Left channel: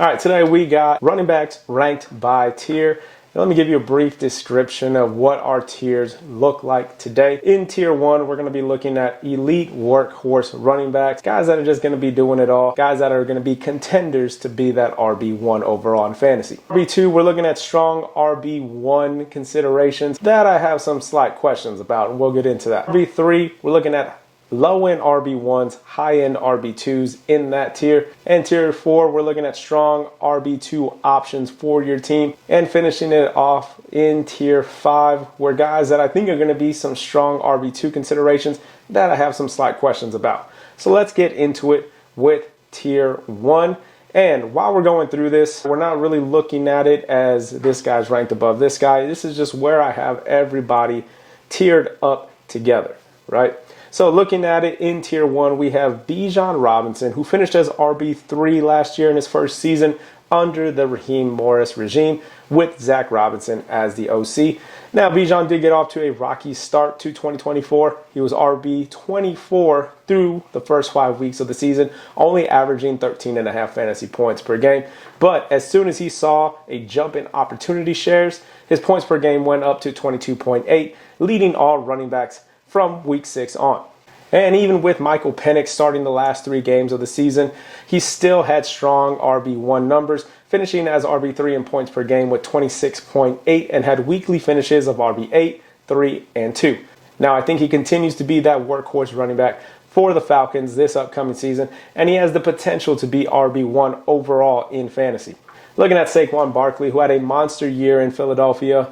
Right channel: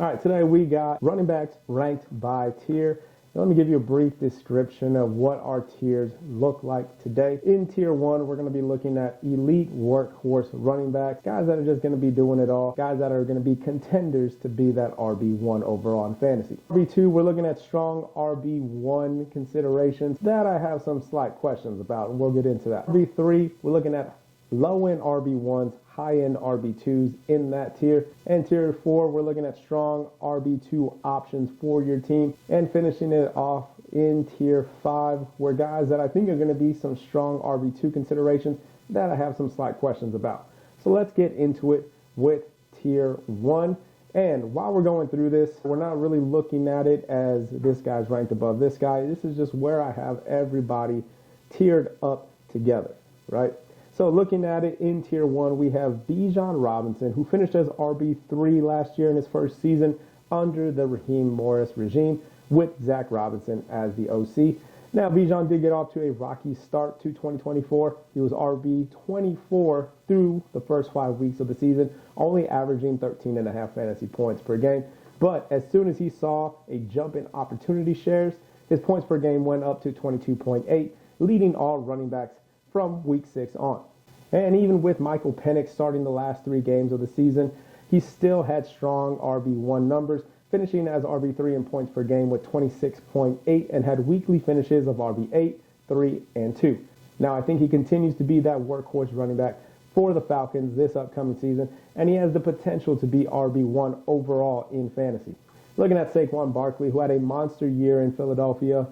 All right, today we got running backs ranked by tier. Now, let me give you a brief description of what our tiers look like today. In tier 1, we're going to be looking at elite workhorse running backs, guys that are just going to be doing it all, guys that are going to be contenders to be that RB1 overall in fantasy. RB2, we're looking at strong RB1 considerations that I have some slight questions about, and we'll get into that. RB3, we're looking at low-end RB1s, high-end RB2s in that tier. And tier 4, we're looking at strong RB2 options for your team. And finishing it off in tier 5, where guys that I think are going to be some strong RB2 considerations that I have some slight questions about. So let's get into it with tier 1. And while we're going through this, we're not really looking at it as this guy's ranked above this guy. This is just where I have everybody tiered up together, right? So looking at it in tier 1, we have Bijan Robinson, who finished as RB3 last year in his first season under the Raheem Morris regime with Zach Robinson as the OC. Now, Bijan did get off to a rocky start to 2024. He was RB24 through the first 5 weeks of the season, only averaging 13.5 fantasy points per game. But as soon as he saw a jump in opportunity shares, his points per game went up to 22.8, leading all running backs from week 6 on. And even with Michael Penix starting the last 3 games of the season, he still had strong RB1 numbers, finishing as RB3 in points per game with 26.8 and had weekly finishes of RB8, 3, and 2. Now, I think he continues to be that workhorse running back for the Falcons this upcoming season, and he has the potential to be RB1 overall in fantasy. Looking at Saquon Barkley, who had a monster year in Philadelphia,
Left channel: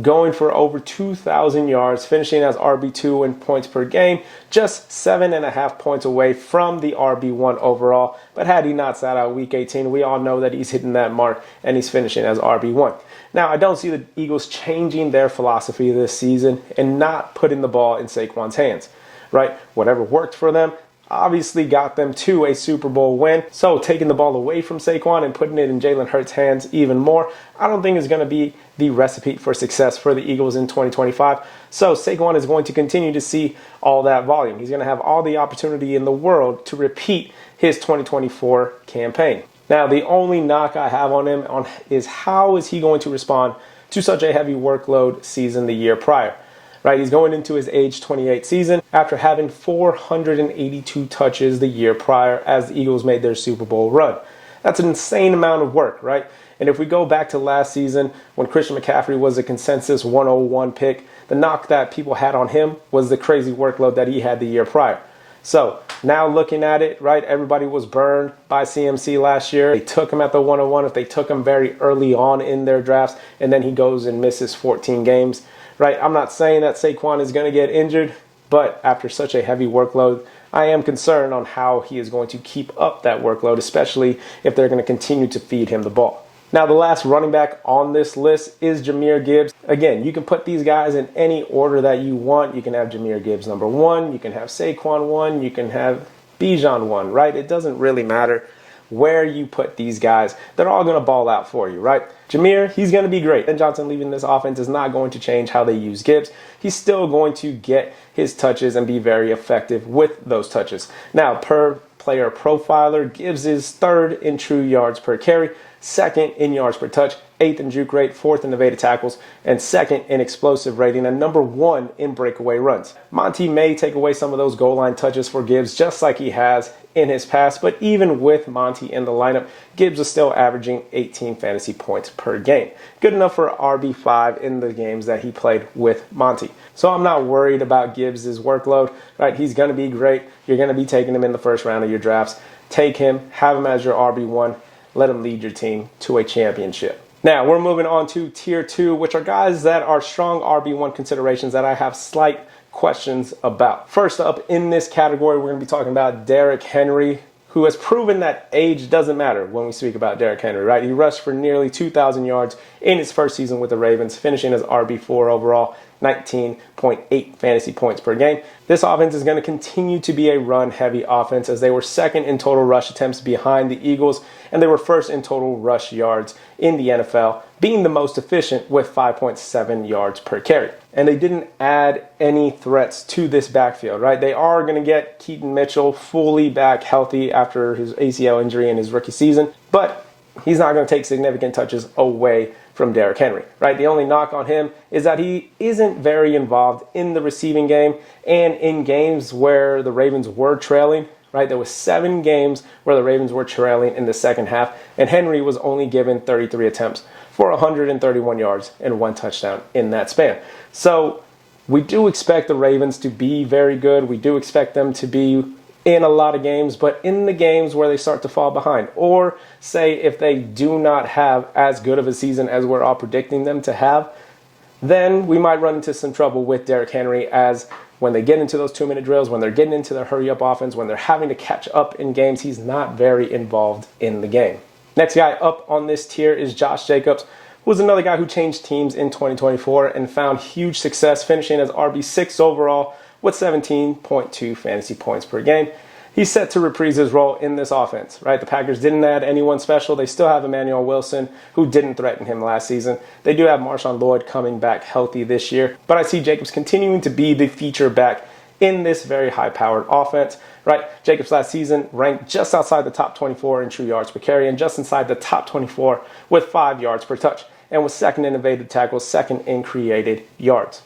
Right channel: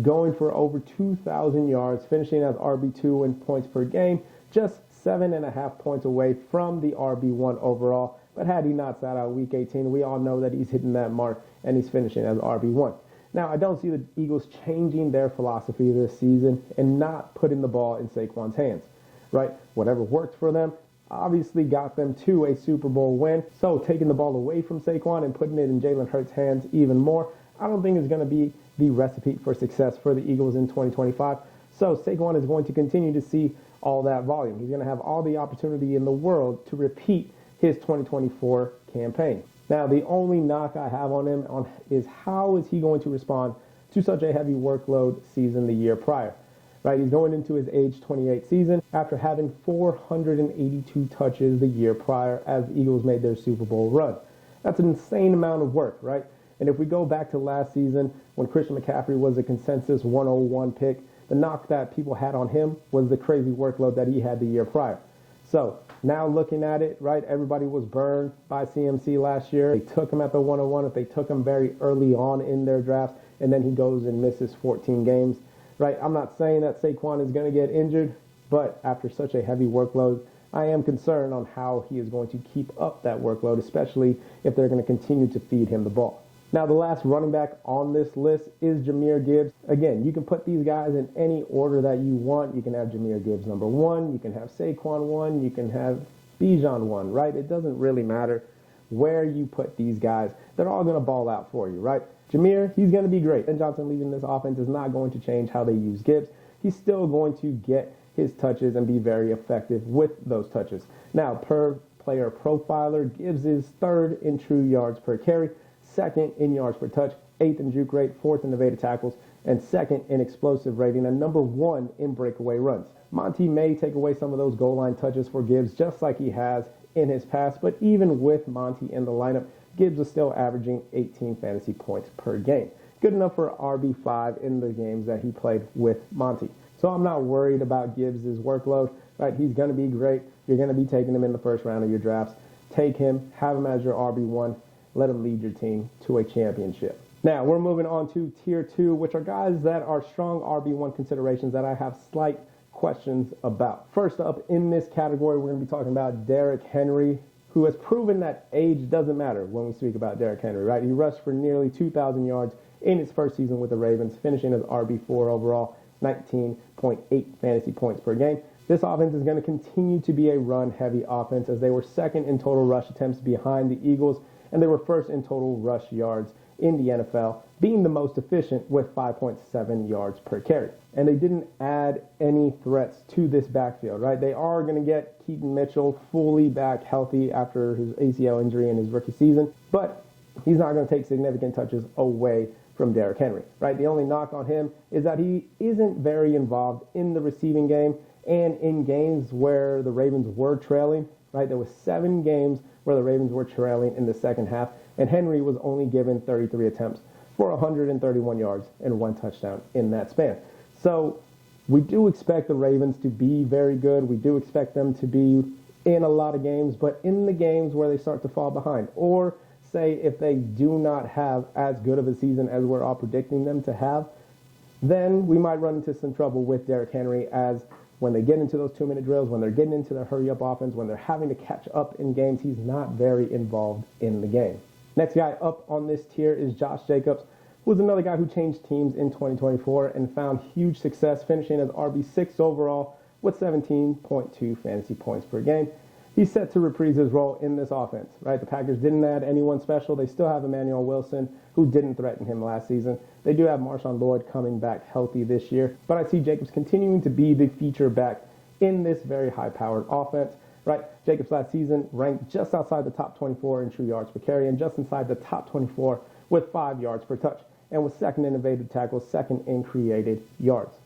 going for over 2,000 yards, finishing as RB2 in points per game, just 7.5 points away from the RB1 overall. But had he not sat out week 18, we all know that he's hitting that mark and he's finishing as RB1. Now, I don't see the Eagles changing their philosophy this season and not putting the ball in Saquon's hands, right? Whatever worked for them obviously got them to a Super Bowl win. So taking the ball away from Saquon and putting it in Jalen Hurts' hands even more, I don't think is going to be the recipe for success for the Eagles in 2025. So Saquon is going to continue to see all that volume. He's going to have all the opportunity in the world to repeat his 2024 campaign. Now, the only knock I have on him is how is he going to respond to such a heavy workload season the year prior? Right, he's going into his age 28 season after having 482 touches the year prior as the Eagles made their Super Bowl run. That's an insane amount of work, right? And if we go back to last season when Christian McCaffrey was a consensus 101 pick, the knock that people had on him was the crazy workload that he had the year prior. So now looking at it, right, everybody was burned by CMC last year. They took him at the 101 if they took him very early on in their drafts, and then he goes and misses 14 games. Right, I'm not saying that Saquon is going to get injured, but after such a heavy workload, I am concerned on how he is going to keep up that workload, especially if they're going to continue to feed him the ball. Now, the last running back on this list is Jahmyr Gibbs. Again, you can put these guys in any order that you want. You can have Jahmyr Gibbs number 1, you can have Saquon 1, you can have Bijan 1, right? It doesn't really matter where you put these guys. They're all going to ball out for you, right? Jahmyr, he's going to be great. Ben Johnson leaving this offense is not going to change how they use Gibbs. He's still going to get his touches and be very effective with those touches. Now, per player profiler, Gibbs is 3rd in true yards per carry, 2nd in yards per touch, 8th in juke rate, 4th in evaded tackles, and 2nd in explosive rating, and number 1 in breakaway runs. Monty may take away some of those goal line touches for Gibbs, just like he has in his past, but even with Monty in the lineup, Gibbs is still averaging 18 fantasy points per game. Good enough for RB5 in the games that he played with Monty. So I'm not worried about Gibbs' workload, right? He's going to be great. You're going to be taking him in the first round of your drafts. Take him, have him as your RB1, let him lead your team to a championship. Now, we're moving on to tier 2, which are guys that are strong RB1 considerations that I have slight questions about. First up in this category, we're going to be talking about Derrick Henry, who has proven that age doesn't matter when we speak about Derrick Henry, right? He rushed for nearly 2,000 yards in his first season with the Ravens, finishing as RB4 overall, 19.8 fantasy points per game. This offense is going to continue to be a run-heavy offense as they were 2nd in total rush attempts behind the Eagles, and they were 1st in total rush yards in the NFL, being the most efficient with 5.7 yards per carry. And they didn't add any threats to this backfield, right? They are going to get Keaton Mitchell fully back healthy after his ACL injury in his rookie season, but he's not going to take significant touches away from Derrick Henry, right? The only knock on him is that he isn't very involved in the receiving game, and in games where the Ravens were trailing, right? There was 7 games where the Ravens were trailing in the second half, and Henry was only given 33 attempts for 131 yards and 1 touchdown in that span. So we do expect the Ravens to be very good. We do expect them to be in a lot of games, but in the games where they start to fall behind, or say if they do not have as good of a season as we're all predicting them to have, then we might run into some trouble with Derrick Henry, as when they get into those 2-minute drills, when they're getting into their hurry-up offense, when they're having to catch up in games, he's not very involved in the game. Next guy up on this tier is Josh Jacobs, who was another guy who changed teams in 2024 and found huge success, finishing as RB6 overall with 17.2 fantasy points per game. He's set to reprise his role in this offense, right? The Packers didn't add anyone special. They still have Emmanuel Wilson, who didn't threaten him last season. They do have Marshawn Lloyd coming back healthy this year, but I see Jacobs continuing to be the feature back in this very high-powered offense, right? Jacobs last season ranked just outside the top 24 in true yards per carry and just inside the top 24 with 5 yards per touch, and was second in evaded tackles, second in created yards.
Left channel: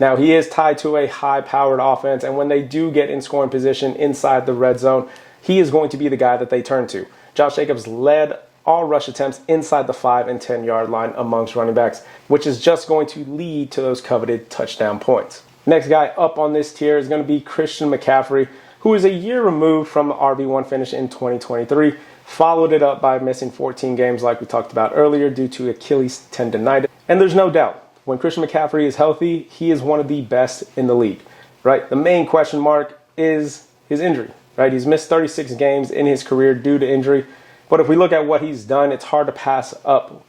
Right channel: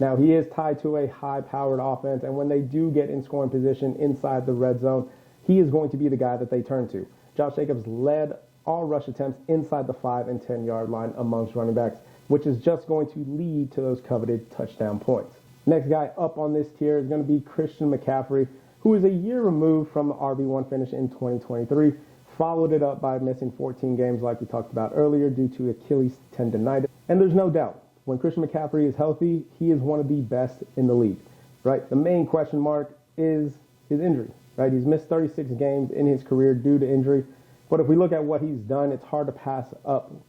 Now, he is tied to a high-powered offense, and when they do get in scoring position inside the red zone, he is going to be the guy that they turn to. Josh Jacobs led all rush attempts inside the 5 and 10-yard line amongst running backs, which is just going to lead to those coveted touchdown points. Next guy up on this tier is going to be Christian McCaffrey, who is a year removed from the RB1 finish in 2023, followed it up by missing 14 games like we talked about earlier due to Achilles tendonitis. And there's no doubt, when Christian McCaffrey is healthy, he is one of the best in the league, right? The main question mark is his injury, right? He's missed 36 games in his career due to injury. But if we look at what he's done, it's hard to pass up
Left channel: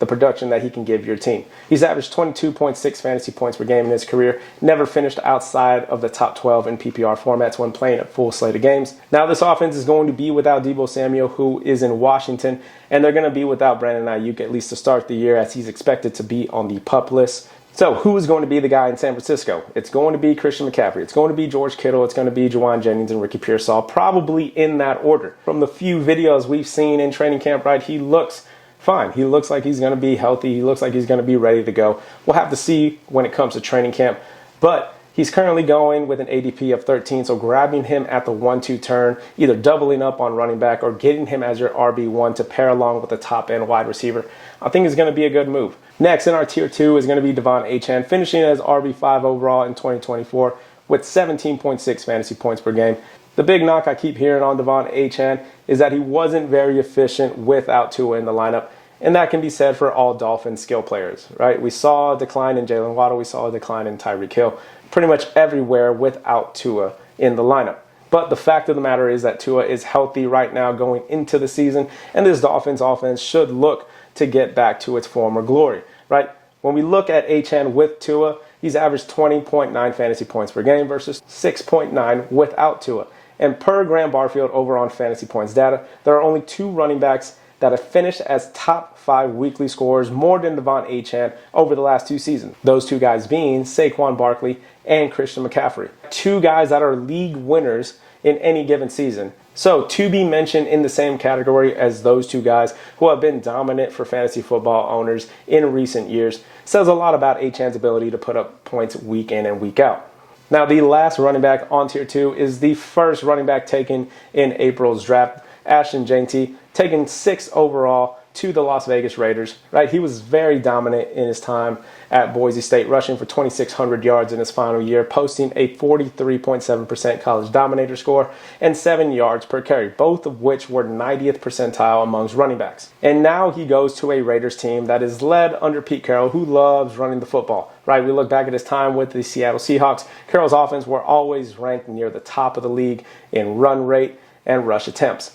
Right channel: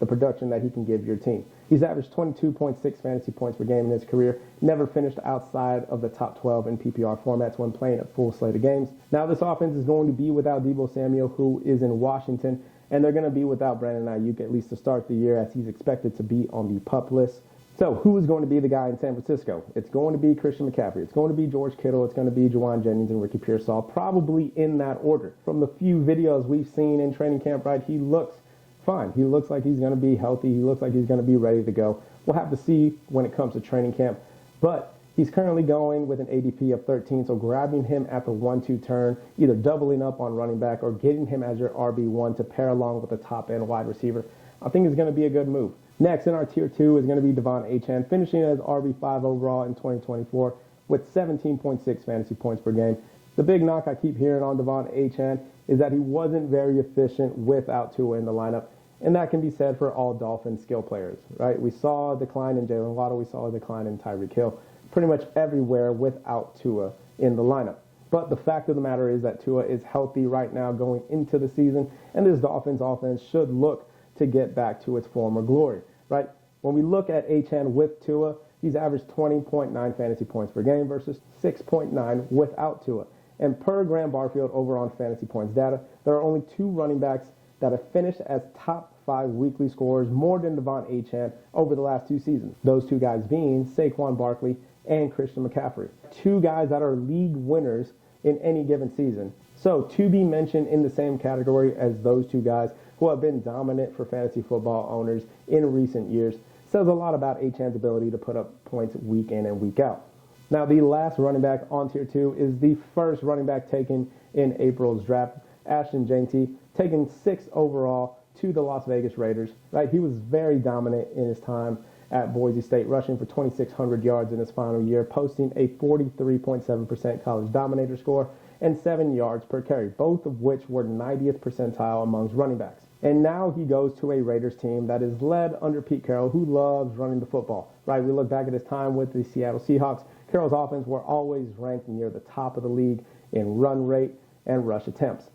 the production that he can give your team. He's averaged 22.6 fantasy points per game in his career, never finished outside of the top 12 in PPR formats when playing a full slate of games. Now, this offense is going to be without Deebo Samuel, who is in Washington, and they're going to be without Brandon Ayuk at least to start the year, as he's expected to be on the PUP list. So who is going to be the guy in San Francisco? It's going to be Christian McCaffrey. It's going to be George Kittle. It's going to be Juwan Jennings and Ricky Pearsall, probably in that order. From the few videos we've seen in training camp, right, he looks fine. He looks like he's going to be healthy. He looks like he's going to be ready to go. We'll have to see when it comes to training camp. But he's currently going with an ADP of 13, so grabbing him at the 1-2 turn, either doubling up on running back or getting him as your RB1 to pair along with the top-end wide receiver, I think is going to be a good move. Next in our tier 2 is going to be Devon Achane, finishing as RB5 overall in 2024 with 17.6 fantasy points per game. The big knock I keep hearing on Devon Achane is that he wasn't very efficient without Tua in the lineup, and that can be said for all Dolphins skill players, right? We saw a decline in Jalen Waddle. We saw a decline in Tyreek Hill, pretty much everywhere without Tua in the lineup. But the fact of the matter is that Tua is healthy right now going into the season, and this Dolphins offense should look to get back to its former glory, right? When we look at Achane with Tua, he's averaged 20.9 fantasy points per game versus 6.9 without Tua. And per Graham Barfield over on Fantasy Points data, there are only 2 running backs that have finished as top 5 weekly scorers more than Devon Achane over the last 2 seasons. Those 2 guys being Saquon Barkley and Christian McCaffrey. 2 guys that are league winners in any given season. So to be mentioned in the same category as those 2 guys who have been dominant for fantasy football owners in recent years says a lot about Achane's ability to put up points week in and week out. Now, the last running back on tier 2 is the first running back taken in April's draft, Ashton Jeanty, taken 6th overall to the Las Vegas Raiders, right? He was very dominant in his time at Boise State, rushing for 2,600 yards in his final year, posting a 43.7% college dominator score and 7 yards per carry, both of which were 90th percentile amongst running backs. And now he goes to a Raiders team that is led under Pete Carroll, who loves running the football, right? We look back at his time with the Seattle Seahawks. Carroll's offense were always ranked near the top of the league in run rate and rush attempts.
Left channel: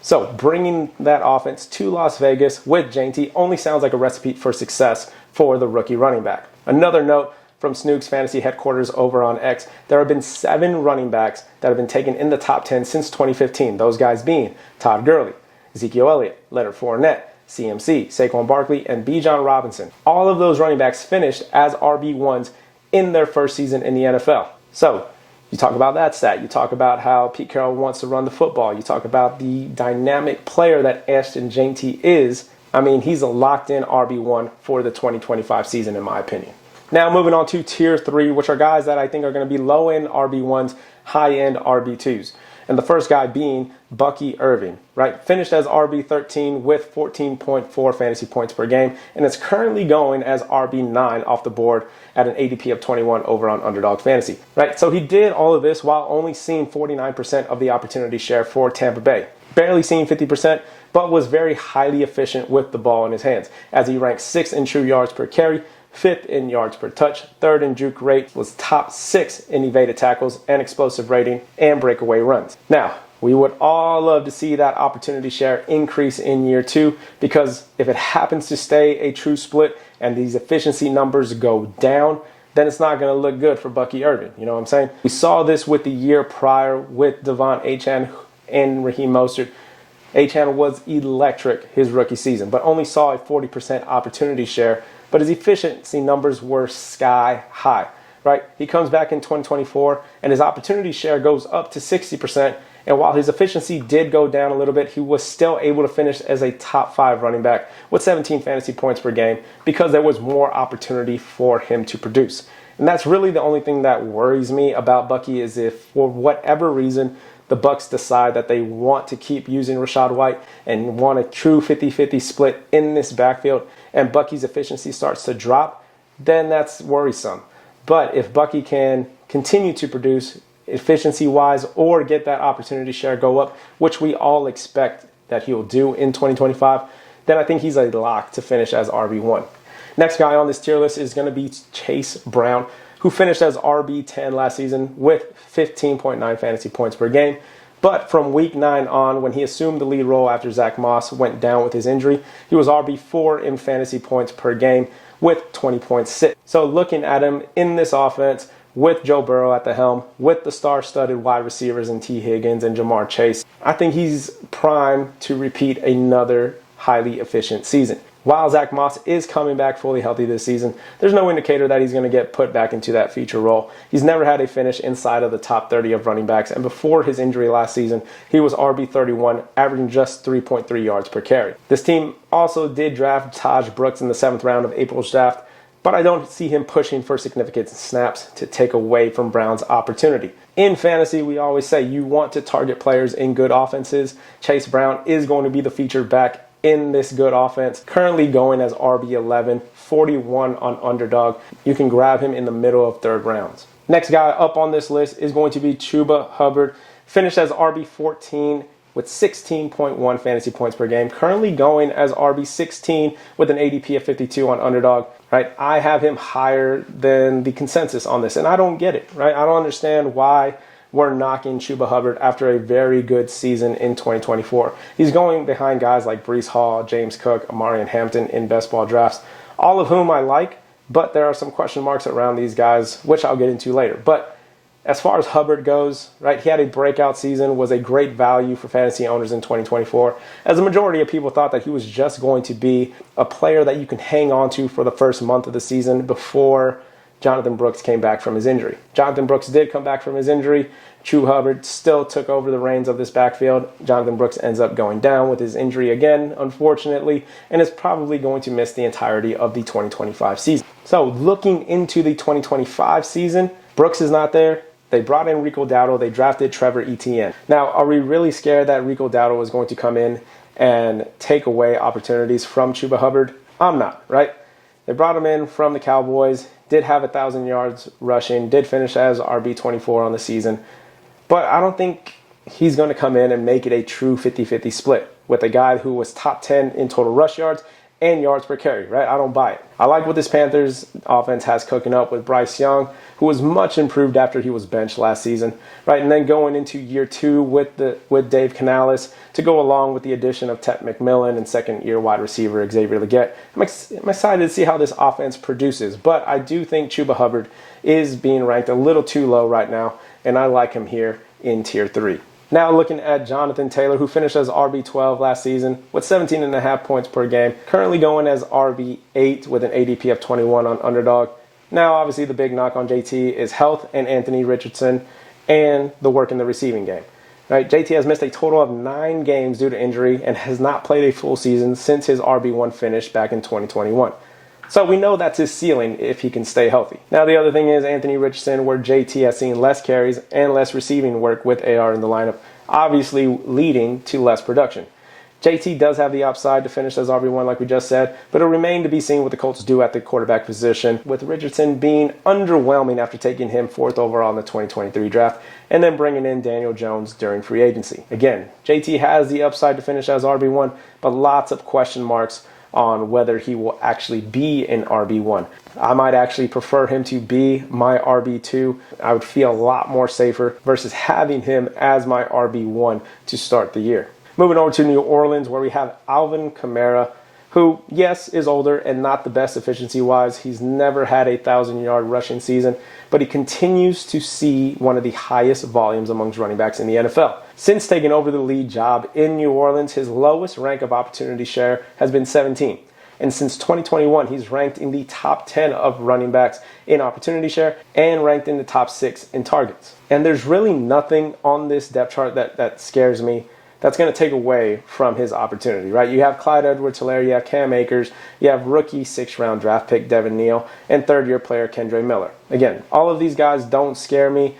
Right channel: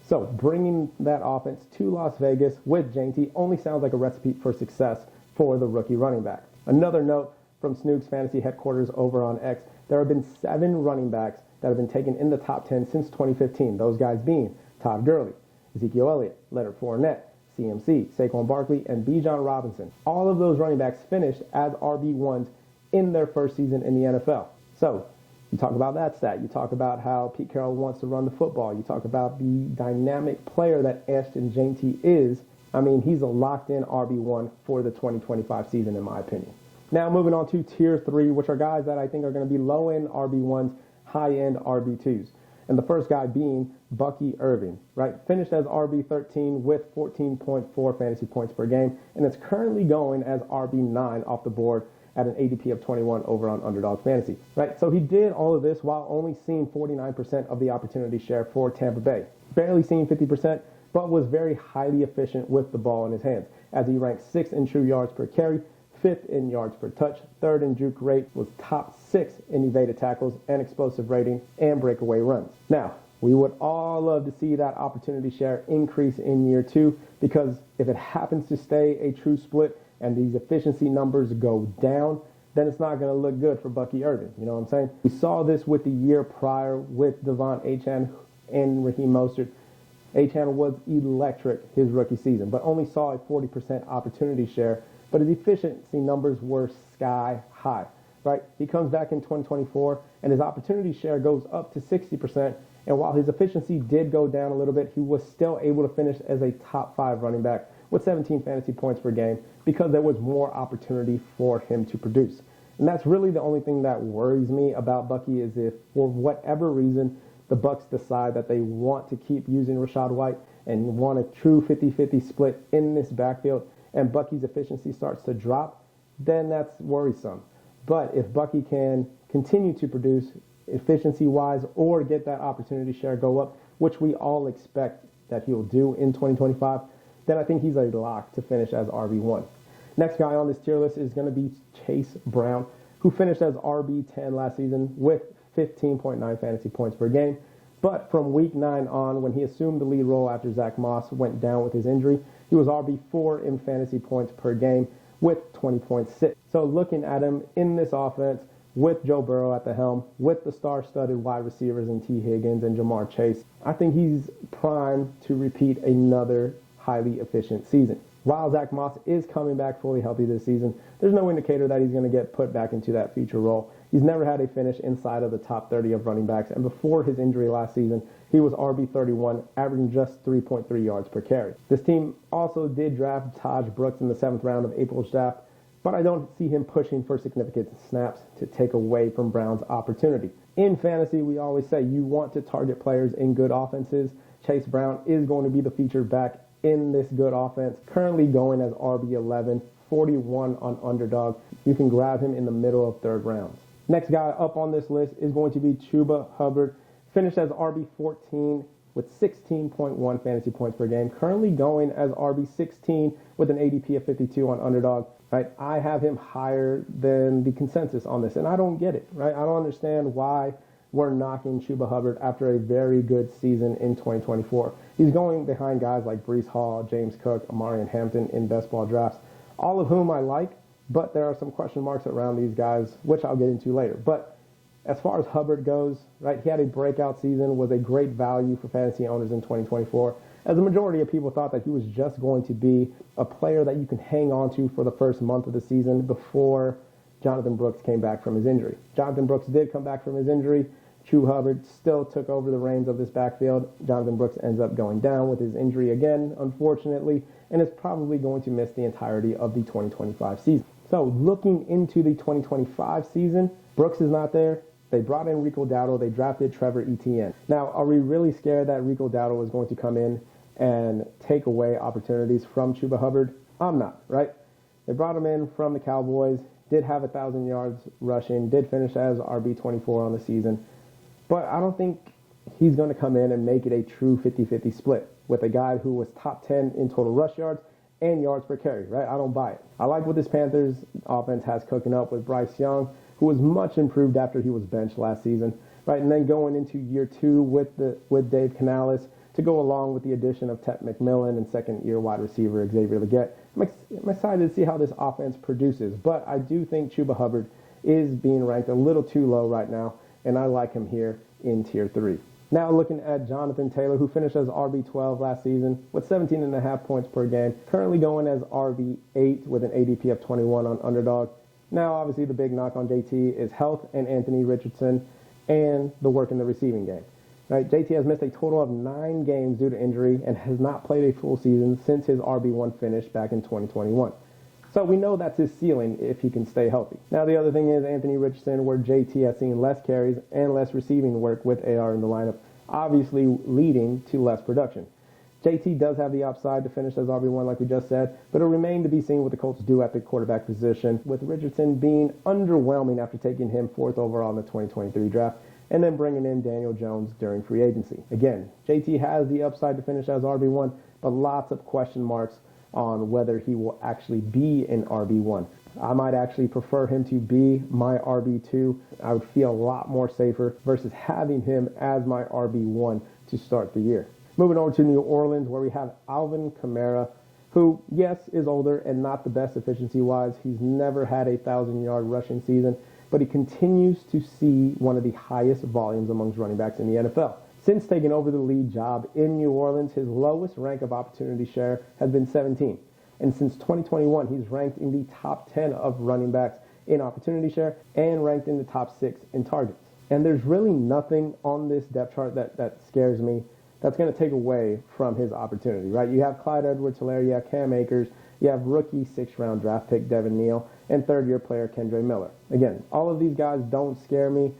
So bringing that offense to Las Vegas with Jeanty only sounds like a recipe for success for the rookie running back. Another note from Snook's fantasy headquarters over on X, there have been 7 running backs that have been taken in the top 10 since 2015. Those guys being Todd Gurley, Ezekiel Elliott, Leonard Fournette, CMC, Saquon Barkley, and Bijan Robinson. All of those running backs finished as RB1s in their first season in the NFL. So You talk about that stat. You talk about how Pete Carroll wants to run the football. You talk about the dynamic player that Ashton Jeanty is. I mean, he's a locked-in RB1 for the 2025 season, in my opinion. Now, moving on to Tier 3, which are guys that I think are going to be low-end RB1s, high-end RB2s. And the first guy being Bucky Irving, right? Finished as RB13 with 14.4 fantasy points per game, and is currently going as RB9 off the board at an ADP of 21 over on Underdog Fantasy, right? So he did all of this while only seeing 49% of the opportunity share for Tampa Bay. Barely seeing 50%, but was very highly efficient with the ball in his hands, as he ranked 6th in true yards per carry, 5th in yards per touch, 3rd in juke rate, was top 6 in evaded tackles and explosive rating and breakaway runs. Now, we would all love to see that opportunity share increase in year 2, because if it happens to stay a true split and these efficiency numbers go down, then it's not going to look good for Bucky Irving. You know what I'm saying? We saw this with the year prior with Devon Achane and Raheem Mostert. Achane was electric his rookie season, but only saw a 40% opportunity share, but his efficiency numbers were sky high, right? He comes back in 2024, and his opportunity share goes up to 60%, and while his efficiency did go down a little bit, he was still able to finish as a top 5 running back with 17 fantasy points per game because there was more opportunity for him to produce. And that's really the only thing that worries me about Bucky, is if for whatever reason the Bucs decide that they want to keep using Rachaad White and want a true 50-50 split in this backfield, and Bucky's efficiency starts to drop, then that's worrisome. But if Bucky can continue to produce efficiency-wise or get that opportunity share go up, which we all expect that he'll do in 2025, then I think he's a lock to finish as RB1. Next guy on this tier list is going to be Chase Brown, who finished as RB10 last season with 15.9 fantasy points per game. But from week 9 on, when he assumed the lead role after Zach Moss went down with his injury, he was RB4 in fantasy points per game with 20.6. So looking at him in this offense with Joe Burrow at the helm, with the star-studded wide receivers in T. Higgins and Jamar Chase, I think he's primed to repeat another highly efficient season. While Zach Moss is coming back fully healthy this season, there's no indicator that he's going to get put back into that feature role. He's never had a finish inside of the top 30 of running backs, and before his injury last season, he was RB31, averaging just 3.3 yards per carry. This team also did draft Taj Brooks in the 7th round of April's draft, but I don't see him pushing for significant snaps to take away from Brown's opportunity. In fantasy, we always say you want to target players in good offenses. Chase Brown is going to be the featured back in this good offense, currently going as RB11, 41 on Underdog. You can grab him in the middle of 3rd rounds. Next guy up on this list is going to be Chuba Hubbard, finished as RB14 with 16.1 fantasy points per game, currently going as RB16 with an ADP of 52 on Underdog, right? I have him higher than the consensus on this, and I don't get it, right? I don't understand why we're knocking Chuba Hubbard after a very good season in 2024. He's going behind guys like Breece Hall, James Cook, Amari Hampton in best ball drafts, all of whom I like, but there are some question marks around these guys, which I'll get into later. But as far as Hubbard goes, right, he had a breakout season, was a great value for fantasy owners in 2024, as a majority of people thought that he was just going to be a player that you can hang on to for the first month of the season before Jonathan Brooks came back from his injury. Jonathan Brooks did come back from his injury. Chuba Hubbard still took over the reins of this backfield. Jonathan Brooks ends up going down with his injury again, unfortunately, and is probably going to miss the entirety of the 2025 season. So looking into the 2025 season, Brooks is not there. They brought in Rico Dowdle. They drafted Trevor Etienne. Now, are we really scared that Rico Dowdle was going to come in and take away opportunities from Chuba Hubbard? I'm not, right? They brought him in from the Cowboys, did have 1,000 yards rushing, did finish as RB24 on the season. But I don't think he's going to come in and make it a true 50-50 split with a guy who was top 10 in total rush yards and yards per carry, right? I don't buy it. I like what this Panthers offense has cooking up with Bryce Young, who was much improved after he was benched last season, right? And then going into year 2 with Dave Canales to go along with the addition of Tet McMillan and second-year wide receiver Xavier Legette. I'm excited to see how this offense produces, but I do think Chuba Hubbard is being ranked a little too low right now, and I like him here in Tier 3. Now looking at Jonathan Taylor, who finished as RB12 last season with 17.5 points per game, currently going as RB8 with an ADP of 21 on Underdog. Now, obviously, the big knock on JT is health and Anthony Richardson. and the work in the receiving game. Right? JT has missed a total of 9 games due to injury and has not played a full season since his RB1 finish back in 2021. So we know that's his ceiling if he can stay healthy. Now the other thing is Anthony Richardson, where JT has seen less carries and less receiving work with AR in the lineup, obviously leading to less production. JT does have the upside to finish as RB1 like we just said, but it'll remain to be seen what the Colts do at the quarterback position, with Richardson being underwhelming after taking him 4th overall in the 2023 draft and then bringing in Daniel Jones during free agency. Again, JT has the upside to finish as RB1, but lots of question marks on whether he will actually be an RB1. I might actually prefer him to be my RB2. I would feel a lot more safer versus having him as my RB1 to start the year. Moving over to New Orleans, where we have Alvin Kamara, who, yes, is older and not the best efficiency-wise. He's never had a 1,000-yard rushing season, but he continues to see one of the highest volumes amongst running backs in the NFL. Since taking over the lead job in New Orleans, his lowest rank of opportunity share has been 17. And since 2021, he's ranked in the top 10 of running backs in opportunity share and ranked in the top 6 in targets. And there's really nothing on this depth chart that scares me that's going to take away from his opportunity, right? You have Clyde Edwards-Helaire, you have Cam Akers, you have rookie 6th-round draft pick Devin Neal, and 3rd-year player Kendre Miller. Again, all of these guys don't scare me.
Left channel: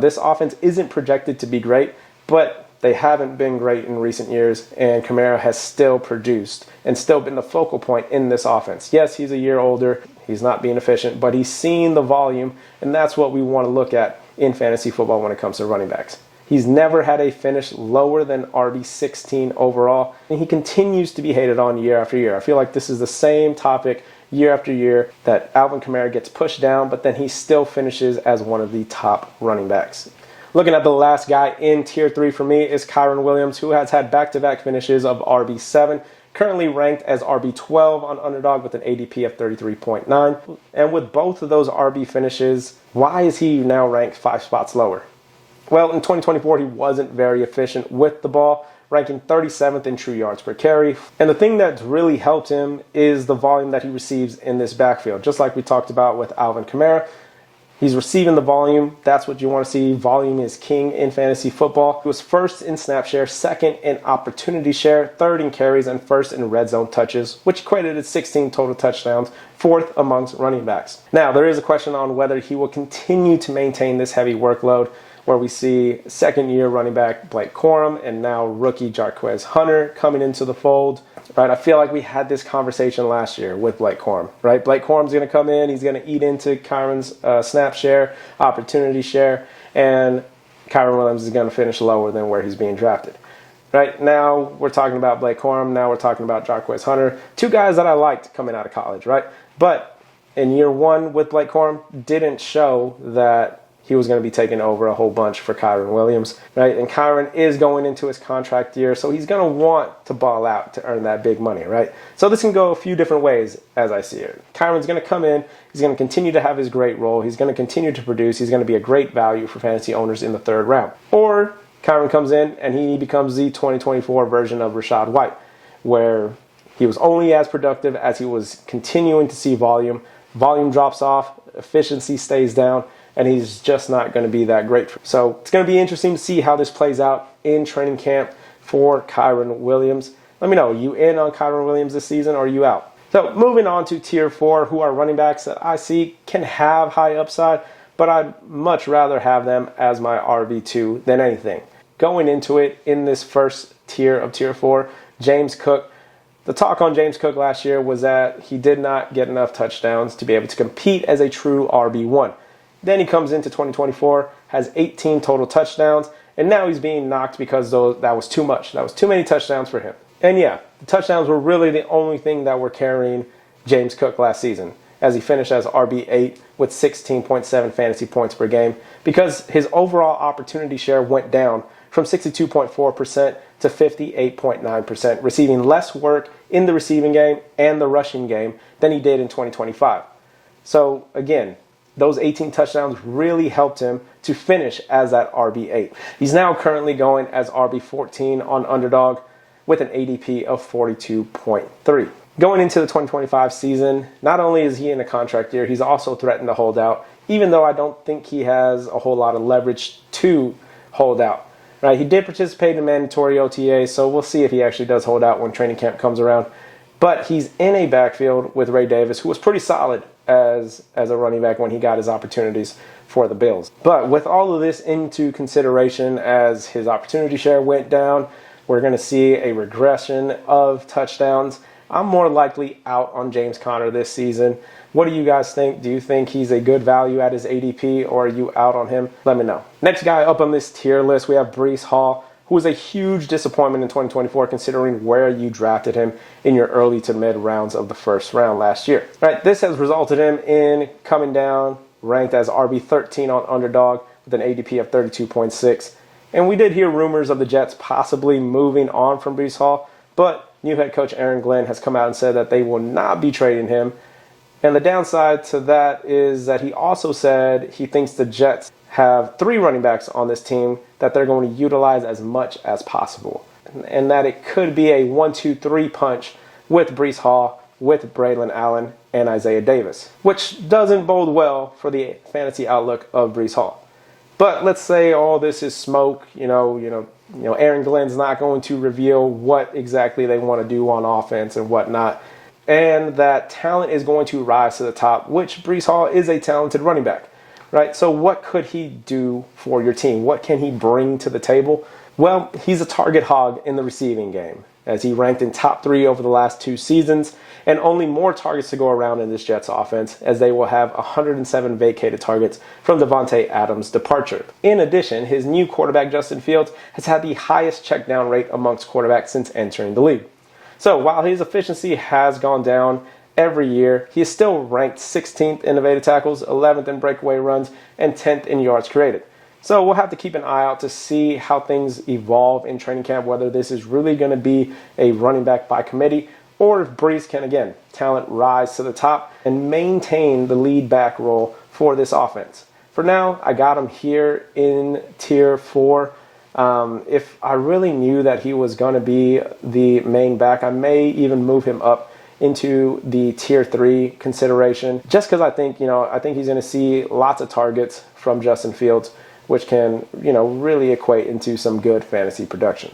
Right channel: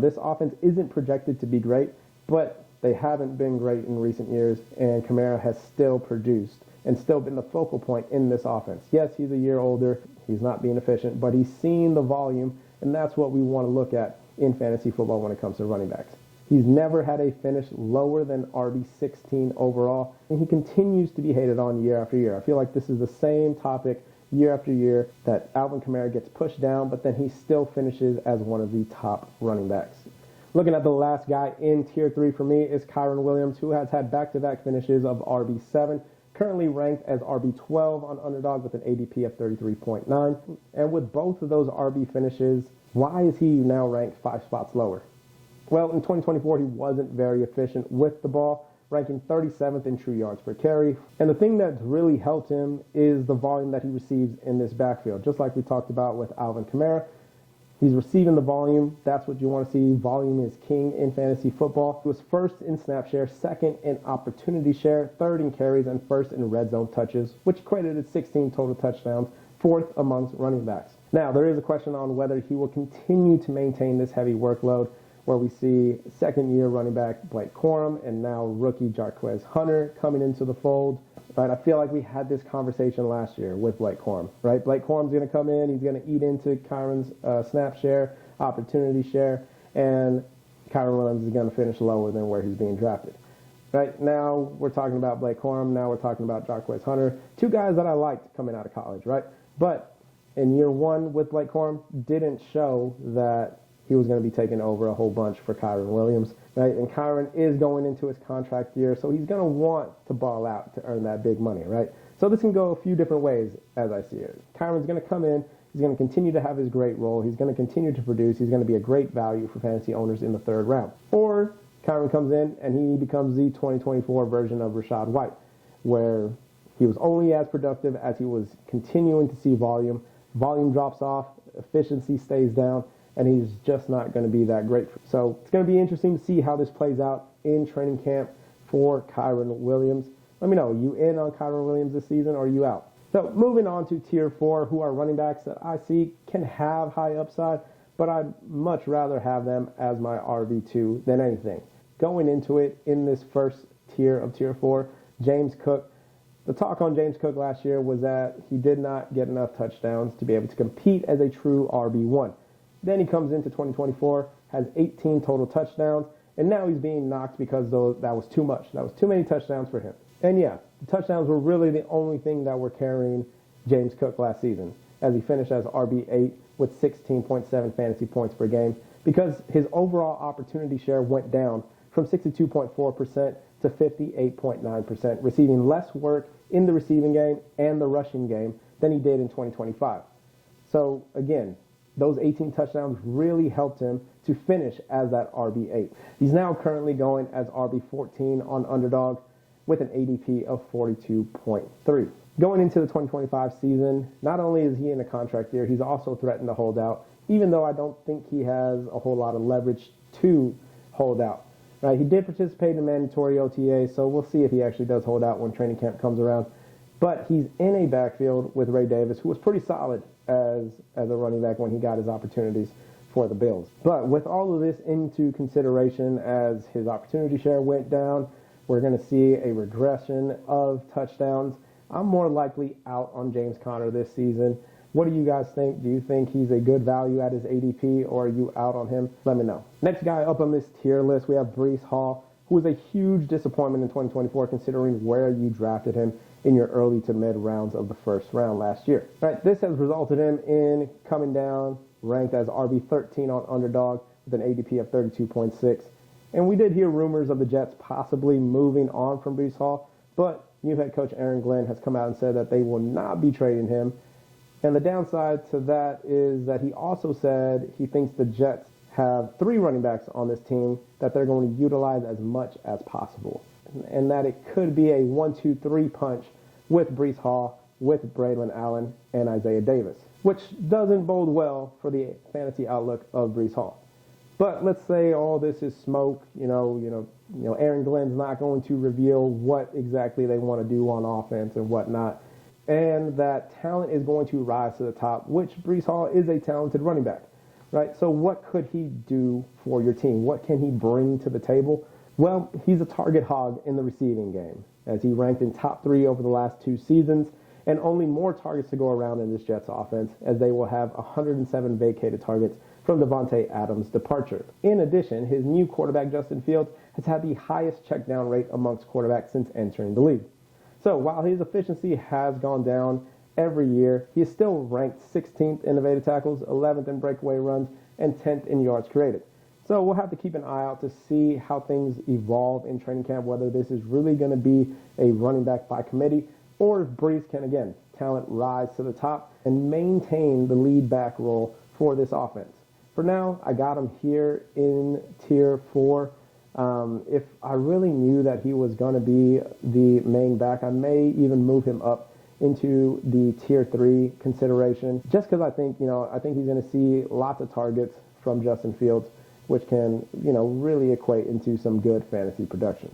This offense isn't projected to be great, but they haven't been great in recent years, and Kamara has still produced and still been the focal point in this offense. Yes, he's a year older, he's not being efficient, but he's seen the volume, and that's what we want to look at in fantasy football when it comes to running backs. He's never had a finish lower than RB16 overall, and he continues to be hated on year after year. I feel like this is the same topic year after year, that Alvin Kamara gets pushed down, but then he still finishes as one of the top running backs. Looking at the last guy in Tier 3 for me is Kyren Williams, who has had back-to-back finishes of RB7, currently ranked as RB12 on Underdog with an ADP of 33.9. And with both of those RB finishes, why is he now ranked 5 spots lower? Well, in 2024, he wasn't very efficient with the ball, ranking 37th in true yards per carry. And the thing that's really helped him is the volume that he receives in this backfield. Just like we talked about with Alvin Kamara, he's receiving the volume. That's what you want to see. Volume is king in fantasy football. He was 1st in snap share, 2nd in opportunity share, 3rd in carries, and 1st in red zone touches, which equated to 16 total touchdowns, 4th amongst running backs. Now, there is a question on whether he will continue to maintain this heavy workload, where we see 2nd-year running back Blake Corum and now rookie Jarquez Hunter coming into the fold. Right, I feel like we had this conversation last year with Blake Corum. Right, Blake Corum's going to come in, he's going to eat into Kyren's snap share, opportunity share, and Kyren Williams is going to finish lower than where he's being drafted. Right, now we're talking about Blake Corum, now we're talking about Jarquez Hunter, 2 guys that I liked coming out of college, right? But in year 1 with Blake Corum, didn't show that he was going to be taking over a whole bunch for Kyren Williams, right? And Kyren is going into his contract year, so he's going to want to ball out to earn that big money, right? So this can go a few different ways as I see it. Kyren's going to come in, he's going to continue to have his great role, he's going to continue to produce, he's going to be a great value for fantasy owners in the 3rd round. Or Kyren comes in and he becomes the 2024 version of Rachaad White, where he was only as productive as he was continuing to see volume. Volume drops off, efficiency stays down, and he's just not going to be that great. So it's going to be interesting to see how this plays out in training camp for Kyren Williams. Let me know, are you in on Kyren Williams this season or are you out? So moving on to Tier 4, who are running backs that I see can have high upside, but I'd much rather have them as my RB2 than anything. Going into it in this first tier of Tier 4, James Cook. The talk on James Cook last year was that he did not get enough touchdowns to be able to compete as a true RB1. Then he comes into 2024, has 18 total touchdowns, and now he's being knocked because that was too much. That was too many touchdowns for him. And yeah, the touchdowns were really the only thing that were carrying James Cook last season, as he finished as RB8 with 16.7 fantasy points per game, because his overall opportunity share went down from 62.4% to 58.9%, receiving less work in the receiving game and the rushing game than he did in 2025. So again, those 18 touchdowns really helped him to finish as that RB8. He's now currently going as RB14 on Underdog with an ADP of 42.3. Going into the 2025 season, not only is he in a contract year, he's also threatened to hold out, even though I don't think he has a whole lot of leverage to hold out. Right? He did participate in mandatory OTA, so we'll see if he actually does hold out when training camp comes around. But he's in a backfield with Ray Davis, who was pretty solid as a running back when he got his opportunities for the Bills. But with all of this into consideration, as his opportunity share went down, we're going to see a regression of touchdowns. I'm more likely out on James Conner this season. What do you guys think? Do you think he's a good value at his ADP, or are you out on him? Let me know. Next guy up on this tier list, we have Breece Hall, who was a huge disappointment in 2024 considering where you drafted him in your early to mid rounds of the first round last year. Right, this has resulted him in coming down, ranked as RB13 on Underdog with an ADP of 32.6. And we did hear rumors of the Jets possibly moving on from Breece Hall, but new head coach Aaron Glenn has come out and said that they will not be trading him. And the downside to that is that he also said he thinks the Jets have 3 running backs on this team that they're going to utilize as much as possible. And that it could be a 1-2-3 punch with Breece Hall, with Braylon Allen, and Isaiah Davis, which doesn't bode well for the fantasy outlook of Breece Hall. But let's say all this is smoke, Aaron Glenn's not going to reveal what exactly they want to do on offense and whatnot, and that talent is going to rise to the top, which Breece Hall is a talented running back, right? So what could he do for your team? What can he bring to the table? Well, he's a target hog in the receiving game, as he ranked in top 3 over the last 2 seasons, and only more targets to go around in this Jets offense, as they will have 107 vacated targets from Devontae Adams' departure. In addition, his new quarterback, Justin Fields, has had the highest check down rate amongst quarterbacks since entering the league. So while his efficiency has gone down every year, he is still ranked 16th in evaded tackles, 11th in breakaway runs, and 10th in yards created. So we'll have to keep an eye out to see how things evolve in training camp, whether this is really going to be a running back by committee, or if Breece can, again, talent rise to the top and maintain the lead back role for this offense. For now, I got him here in tier 4. If I really knew that he was going to be the main back, I may even move him up into the tier 3 consideration, just because I think he's going to see lots of targets from Justin Fields, which can, really equate into some good fantasy production.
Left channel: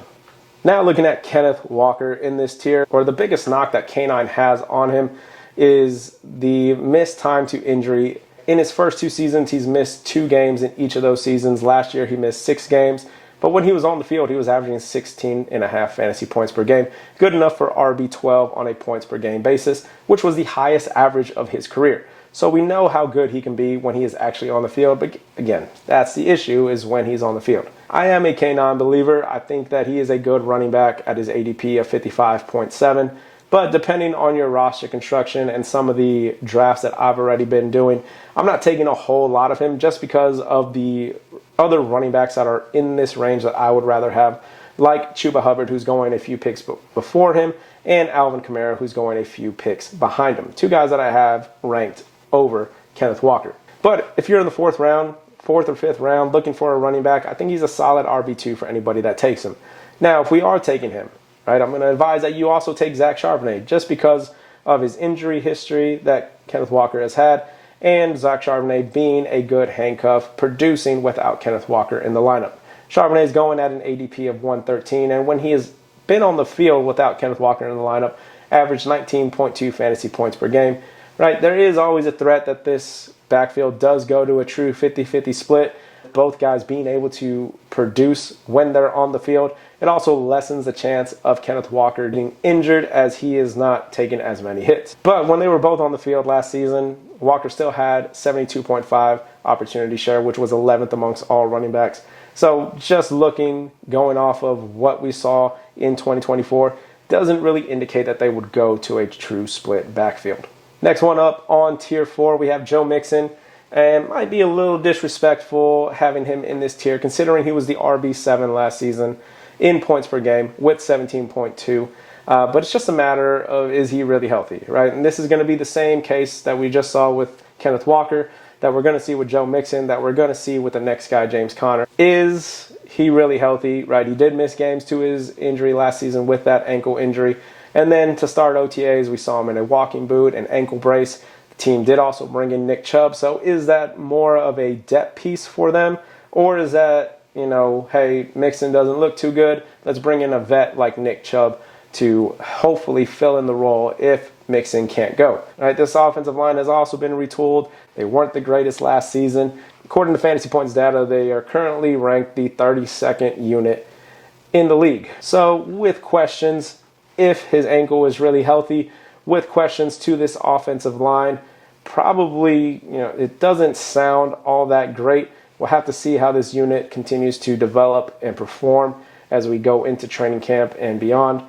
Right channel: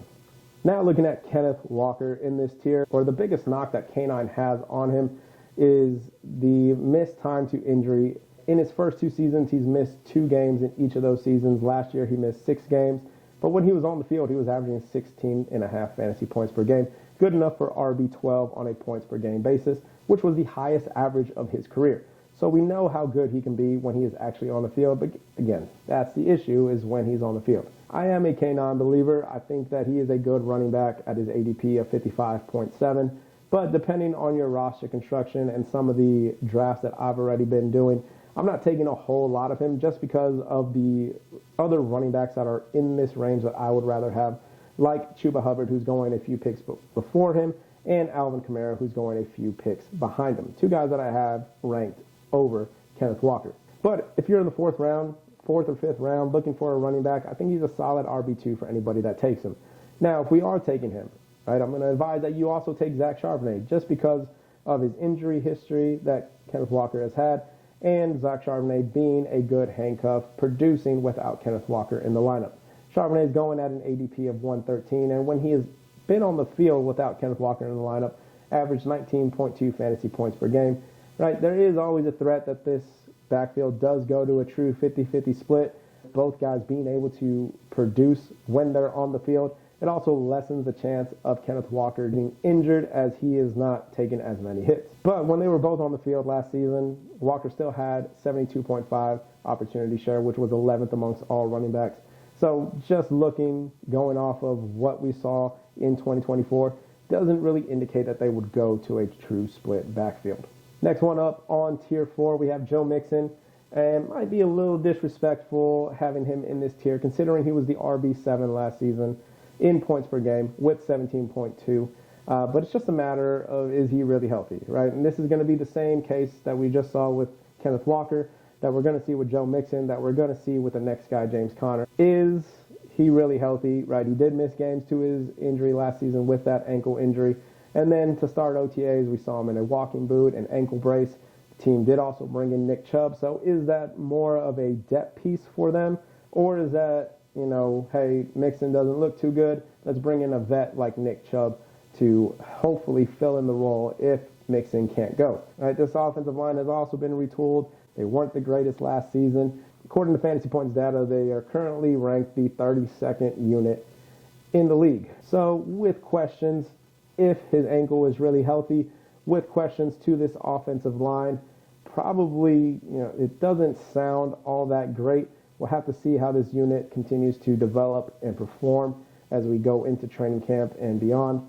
Now looking at Kenneth Walker in this tier, or the biggest knock that K9 has on him is the missed time to injury. In his first 2 seasons, he's missed 2 games in each of those seasons. Last year, he missed 6 games. But when he was on the field, he was averaging 16.5 fantasy points per game, good enough for RB12 on a points per game basis, which was the highest average of his career. So we know how good he can be when he is actually on the field. But again, that's the issue, is when he's on the field. I am a K9 believer. I think that he is a good running back at his ADP of 55.7. But depending on your roster construction and some of the drafts that I've already been doing, I'm not taking a whole lot of him just because of the other running backs that are in this range that I would rather have, like Chuba Hubbard, who's going a few picks before him, and Alvin Kamara, who's going a few picks behind him. 2 guys that I have ranked over Kenneth Walker. But if you're in the 4th or 5th round looking for a running back, I think he's a solid RB2 for anybody that takes him. Now, if we are taking him, right, I'm going to advise that you also take Zach Charbonnet, just because of his injury history that Kenneth Walker has had, and Zach Charbonnet being a good handcuff, producing without Kenneth Walker in the lineup. Charbonnet is going at an ADP of 113, and when he has been on the field without Kenneth Walker in the lineup, averaged 19.2 fantasy points per game. Right, there is always a threat that this backfield does go to a true 50-50 split, both guys being able to produce when they're on the field. It also lessens the chance of Kenneth Walker getting injured, as he is not taking as many hits. But when they were both on the field last season, Walker still had 72.5 opportunity share, which was 11th amongst all running backs. So just going off of what we saw in 2024, doesn't really indicate that they would go to a true split backfield. Next one up on tier 4, we have Joe Mixon. And might be a little disrespectful having him in this tier, considering he was the RB7 last season in points per game with 17.2. But it's just a matter of, is he really healthy, right? And this is going to be the same case that we just saw with Kenneth Walker, that we're going to see with Joe Mixon, that we're going to see with the next guy, James Conner. Is he really healthy, right? He did miss games to his injury last season with that ankle injury. And then to start OTAs, we saw him in a walking boot and ankle brace. The team did also bring in Nick Chubb. So is that more of a depth piece for them? Or is that, hey, Mixon doesn't look too good, let's bring in a vet like Nick Chubb to hopefully fill in the role if Mixon can't go. All right, this offensive line has also been retooled. They weren't the greatest last season. According to Fantasy Points data, they are currently ranked the 32nd unit in the league. So with questions, if his ankle is really healthy, with questions to this offensive line, probably, it doesn't sound all that great. We'll have to see how this unit continues to develop and perform as we go into training camp and beyond.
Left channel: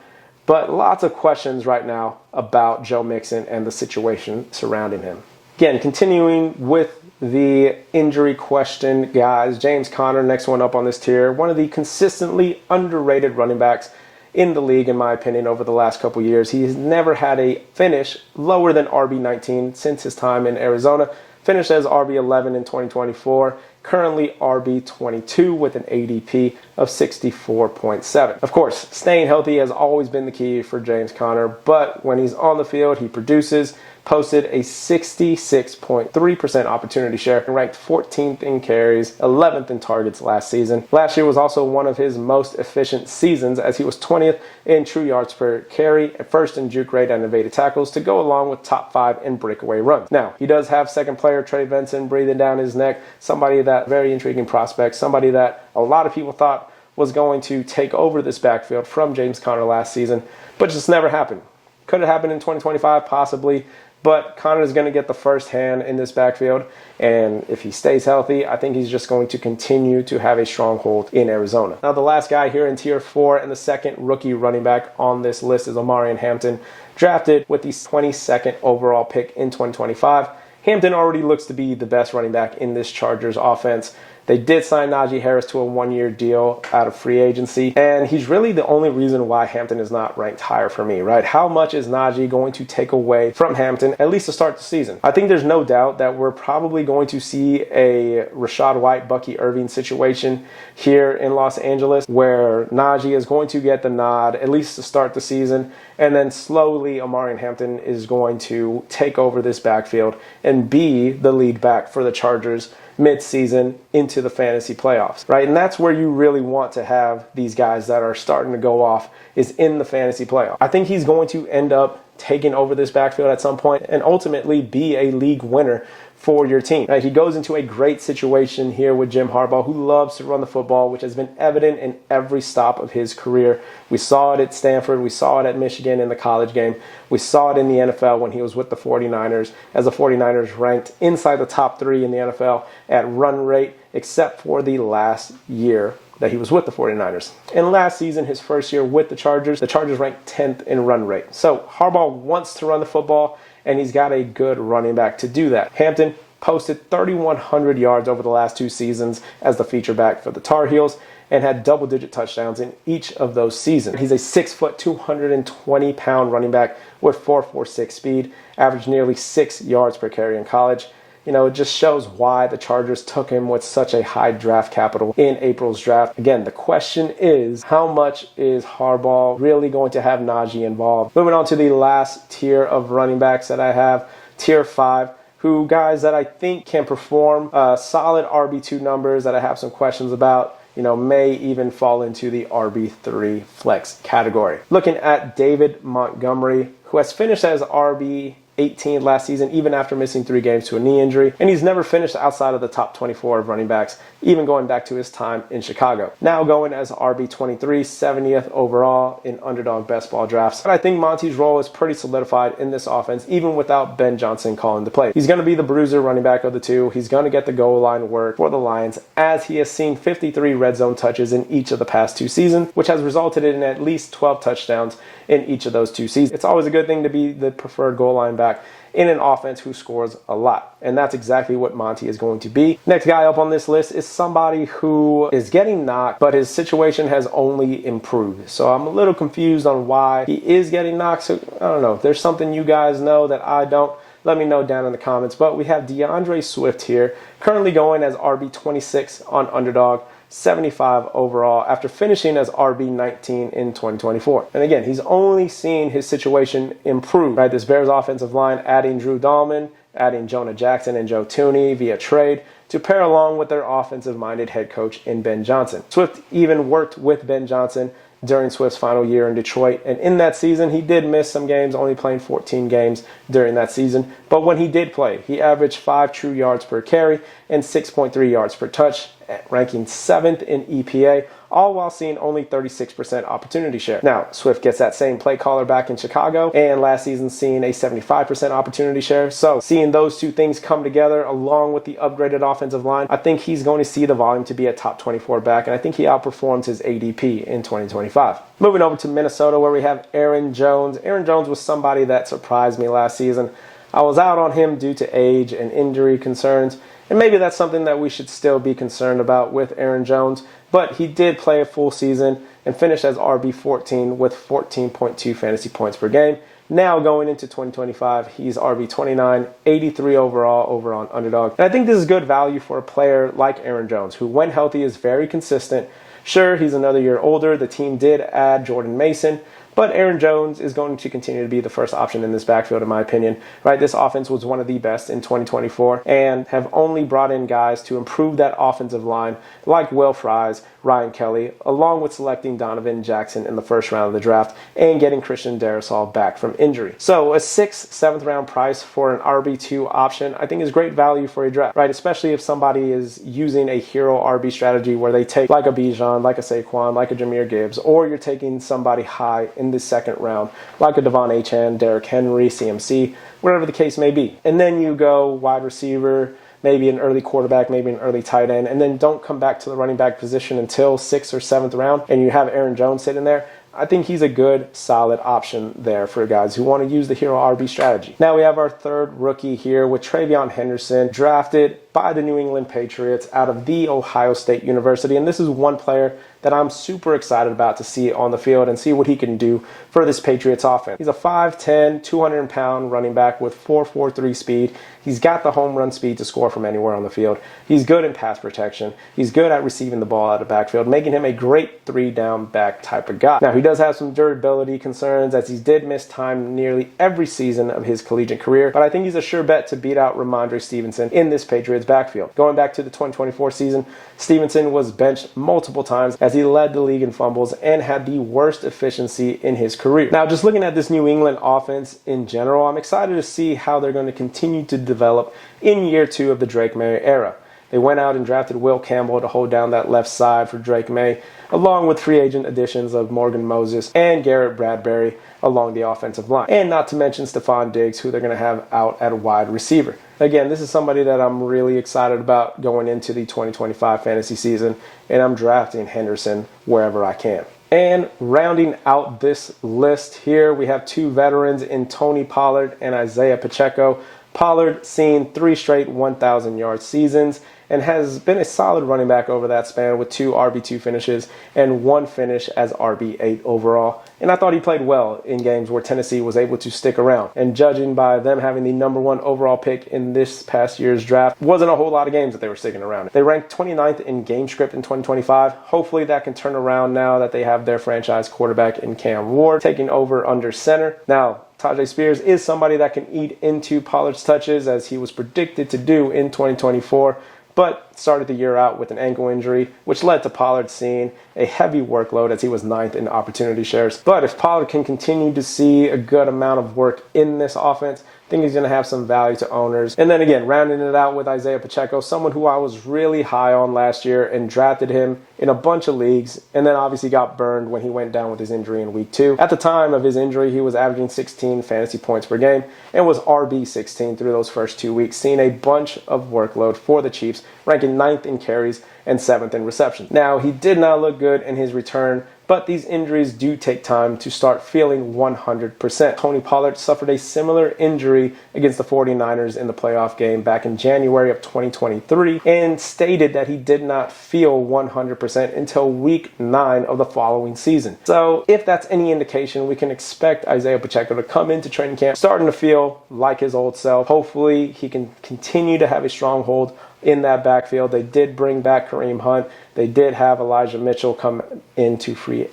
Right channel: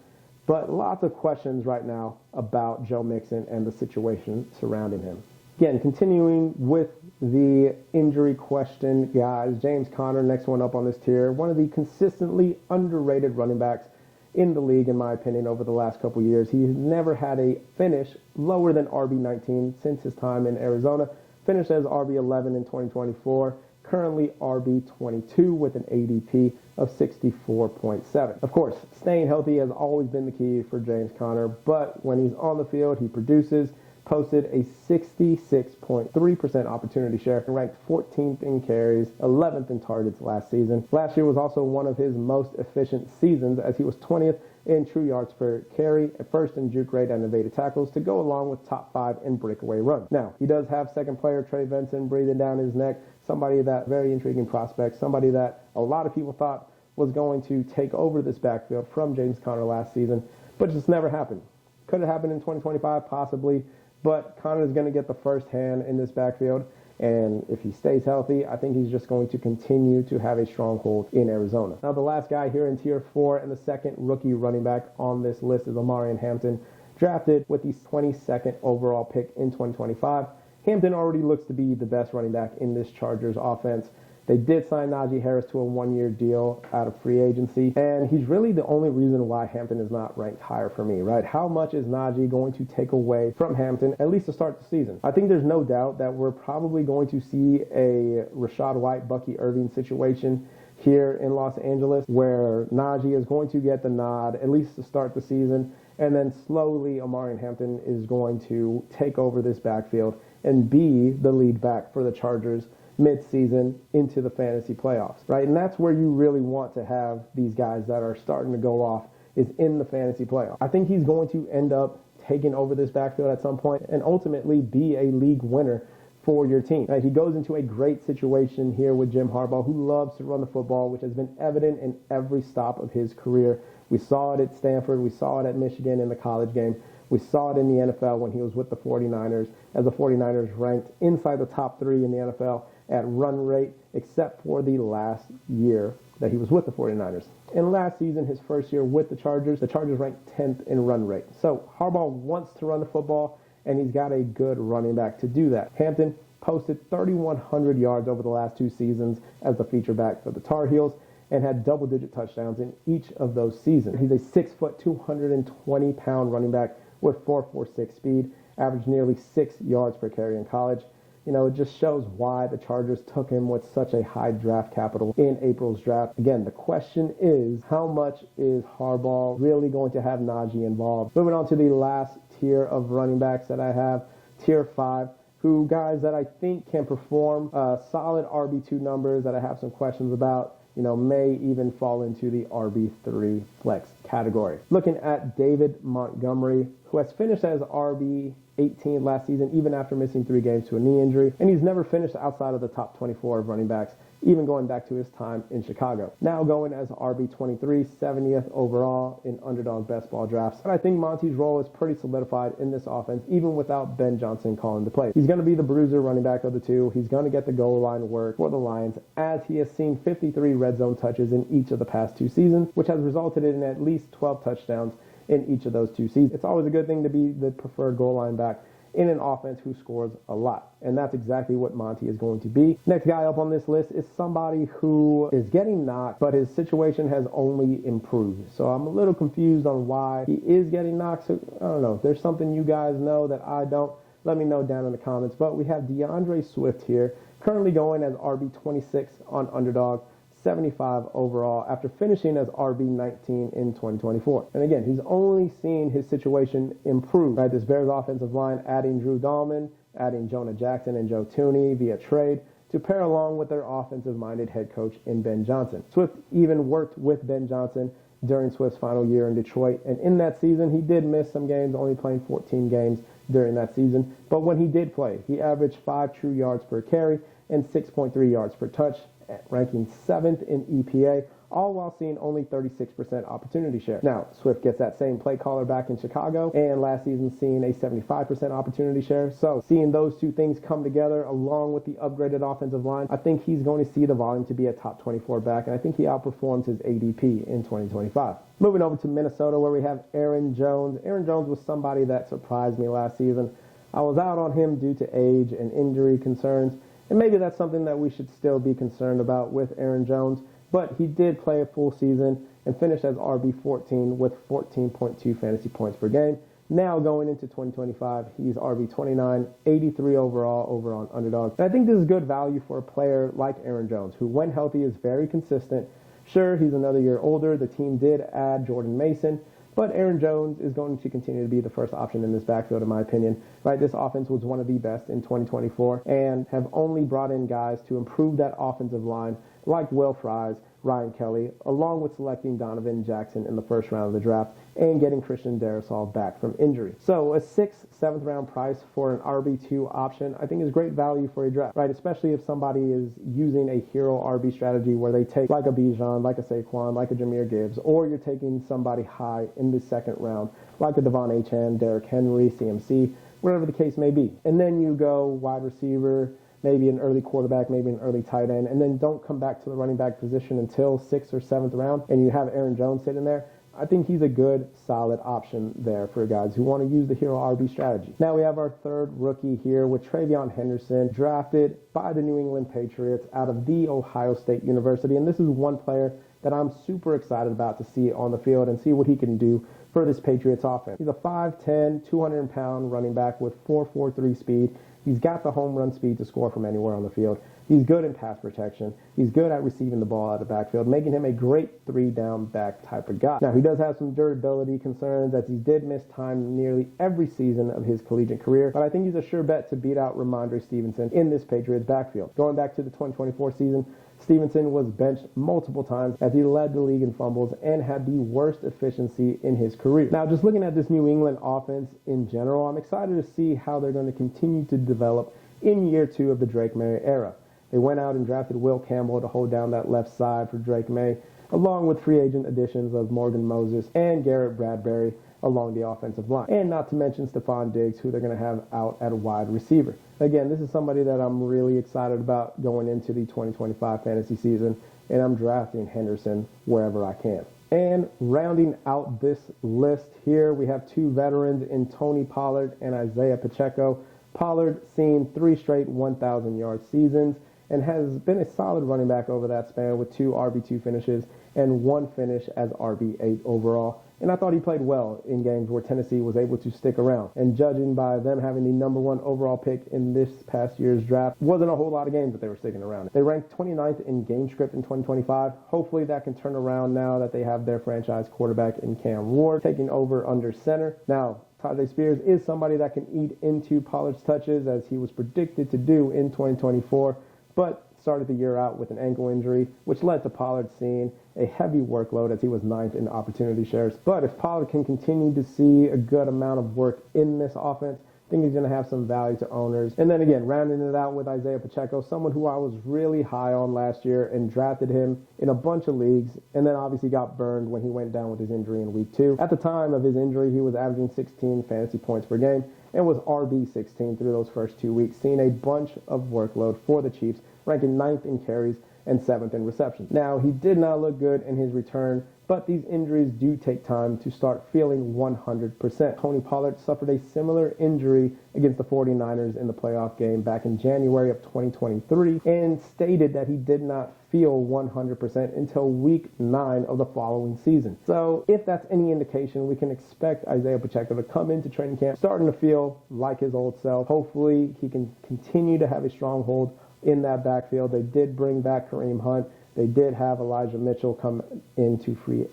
But lots of questions right now about Joe Mixon and the situation surrounding him. Again, continuing with the injury question, guys. James Conner, next one up on this tier. One of the consistently underrated running backs in the league, in my opinion, over the last couple years. He has never had a finish lower than RB19 since his time in Arizona. Finished as RB11 in 2024. Currently RB22 with an ADP of 64.7. Of course, staying healthy has always been the key for James Conner, but when he's on the field, he produces. Posted a 66.3% opportunity share and ranked 14th in carries, 11th in targets last season. Last year was also one of his most efficient seasons as he was 20th in true yards per carry, first in juke rate and evaded tackles to go along with top 5 in breakaway runs. Now, he does have second player Trey Benson breathing down his neck, somebody that very intriguing prospect, somebody that a lot of people thought was going to take over this backfield from James Conner last season, but just never happened. Could have happened in 2025, possibly. But Conner is going to get the first hand in this backfield, and if he stays healthy, I think he's just going to continue to have a stronghold in Arizona. Now, the last guy here in Tier 4 and the second rookie running back on this list is Omarion Hampton, drafted with the 22nd overall pick in 2025. Hampton already looks to be the best running back in this Chargers offense. They did sign Najee Harris to a one-year deal out of free agency, and he's really the only reason why Hampton is not ranked higher for me, right? How much is Najee going to take away from Hampton, at least to start the season? I think there's no doubt that we're probably going to see a Rachaad White, Bucky Irving situation here in Los Angeles, where Najee is going to get the nod, at least to start the season, and then slowly Omarion Hampton is going to take over this backfield and be the lead back for the Chargers mid-season into the fantasy playoffs, right? And that's where you really want to have these guys that are starting to go off, is in the fantasy playoff. I think he's going to end up taking over this backfield at some point and ultimately be a league winner for your team. He goes into a great situation here with Jim Harbaugh, who loves to run the football, which has been evident in every stop of his career. We saw it at Stanford. We saw it at Michigan in the college game. We saw it in the NFL when he was with the 49ers, as the 49ers ranked inside the top 3 in the NFL at run rate, except for the last year that he was with the 49ers. And last season, his first year with the Chargers ranked 10th in run rate. So Harbaugh wants to run the football, and he's got a good running back to do that. Hampton posted 3,100 yards over the last 2 seasons as the feature back for the Tar Heels and had double-digit touchdowns in each of those seasons. He's a 6', 220-pound running back with 4.46 speed, averaged nearly 6 yards per carry in college. It just shows why the Chargers took him with such a high draft capital in April's draft. Again, the question is, how much is Harbaugh really going to have Najee involved? Moving on to the last tier of running backs that I have, Tier 5, who guys that I think can perform solid RB2 numbers that I have some questions about, may even fall into the RB3 flex category. Looking at David Montgomery, who has finished as RB18 last season, even after missing 3 games to a knee injury, and he's never finished outside of the top 24 of running backs, even going back to his time in Chicago. Now going as RB23, 70th overall in underdog best ball drafts. But I think Monty's role is pretty solidified in this offense, even without Ben Johnson calling the play. He's going to be the bruiser running back of the two. He's going to get the goal line work for the Lions, as he has seen 53 red zone touches in each of the past 2 seasons, which has resulted in at least 12 touchdowns in each of those 2 seasons. It's always a good thing to be the preferred goal line back in an offense who scores a lot. And that's exactly what Monty is going to be. Next guy up on this list is somebody who is getting knocked, but his situation has only improved. So I'm a little confused on why he is getting knocked. So I don't know. If there's something you guys know that I don't, let me know down in the comments. But we have DeAndre Swift here, currently going as RB26 on Underdog. 75 overall after finishing as RB19 in 2024. And again, he's only seen his situation improve, right? This Bears offensive line adding Drew Dahlman, adding Jonah Jackson and Joe Thuney via trade to pair along with their offensive-minded head coach in Ben Johnson. Swift even worked with Ben Johnson during Swift's final year in Detroit. And in that season, he did miss some games, only playing 14 games during that season. But when he did play, he averaged 5 true yards per carry and 6.3 yards per touch, ranking 7th in EPA, all while seeing only 36% opportunity share. Now, Swift gets that same play caller back in Chicago, and last season seeing a 75% opportunity share. So seeing those two things come together along with the upgraded offensive line, I think he's going to see the volume to be a top 24 back, and I think he outperforms his ADP in 2025. Moving over to Minnesota, where we have Aaron Jones. Aaron Jones was somebody that surprised me last season. I was out on him due to age and injury concerns, and maybe that's something that we should still be concerned about with Aaron Jones. But he did play a full season and finished as RB14 with 14.2 fantasy points per game. Now going into 2025, he's RB29, 83 overall over on Underdog. And I think this is good value for a player like Aaron Jones, who when healthy is very consistent. Sure, he's another year older. The team did add Jordan Mason, but Aaron Jones is going to continue to be the first option in this backfield, in my opinion. Right, this offense was one of the best in 2024 and have only brought in guys to improve that offensive line, like Will Fries, Ryan Kelly, along with selecting Donovan Jackson in the first round of the draft and getting Christian Darrisaw back from injury. So a 6th, 7th round price for an RB2 option, I think is great value for a draft, right? Especially if somebody is using a hero RB strategy where they take like a Bijan, like a Saquon, like a Jahmyr Gibbs, or you're taking somebody high in the 2nd round, like a Devon Achane, Derrick Henry, CMC, whatever the case may be. And then you go wide receiver, maybe an early quarterback, maybe an early tight end, and then don't come back to the running back position until 6th or 7th round, and you have Aaron Jones sitting there. I think he's a good, solid option there for guys who want to use the hero RB strategy. Now we have our 3rd rookie here with Travion Henderson, drafted by the New England Patriots out of The Ohio State University. And this is one player that I'm super excited about to see on the field and see what he can do for this Patriots offense. He's a 5'10", 200-pound running back with 4.43 speed. He's got the home run speed to score from anywhere on the field. He's good in pass protection. He's good at receiving the ball out of the backfield, making him a great 3-down back type of guy. Now, he does have some durability concerns as he did miss time nearly every season of his collegiate career, but I think he's a sure bet to beat out Ramondre Stevenson in this Patriots backfield. Going back to the 2024 season, Stevenson was benched multiple times as he led the league in fumbles and had the worst efficiency in his career. Now, just looking at this New England offense in general, I'm excited to see how they're going to continue to develop in year 2 of the Drake May era. They went out and drafted Will Campbell to hold down that left side for Drake May, along with free agent additions of Morgan Moses and Garrett Bradbury along the offensive line. And not to mention Stephon Diggs, who they're going to have out at wide receiver. Again, this is somebody that I'm really excited about going into the 2025 fantasy season, and I'm drafting Henderson wherever I can. And rounding out this list here, we have 2 veterans in Tony Pollard and Isaiah Pacheco. Pollard seeing 3 straight 1,000-yard seasons and has been a solid running back over that span with 2 RB2 finishes and 1 finish as RB8 overall. And I thought he played well in games where Tennessee was able to stick around. And judging by them having the #1 overall pick in this past year's draft, wasn't a whole lot of games that they were sticking around. They ranked 29th in game script in 2025. Hopefully that can turn around now that they have their franchise quarterback in Cam Ward taking over under center. Now, Tajay Spears is somebody that can eat into Pollard's touches as he was predicted to do in 2024. But started the year out with an ankle injury, which led to Pollard seeing a heavy workload as he was 9th in opportunity shares. But if Pollard can continue to see a good amount of work in this offense, I think he's going to have some value to owners. And then again, rounding it out with Isaiah Pacheco, someone who I was really high on last year and drafted him in a bunch of leagues, and then obviously got burned when he went down with his injury in week 2. At the time of his injury, he was averaging 16 fantasy points per game and was RB16 through those first 2 weeks, seeing a bunch of workload for the Chiefs, ranking 9th in carries and 7th in reception. Now, he did not look good in his return, but these injuries do take time to start feeling 100%. Tony Pollard suffered a similar injury against the 49ers in the playoff game back in January of 2023 and stated that he did not feel 100% until week 9 of the following season. So if that's any indication, we can expect Isaiah Pacheco to come into training camp starting to feel like his old self. Hopefully he can continue to have a stronghold in that backfield. They did bring back Kareem Hunt. They did have Elijah Mitchell come into free.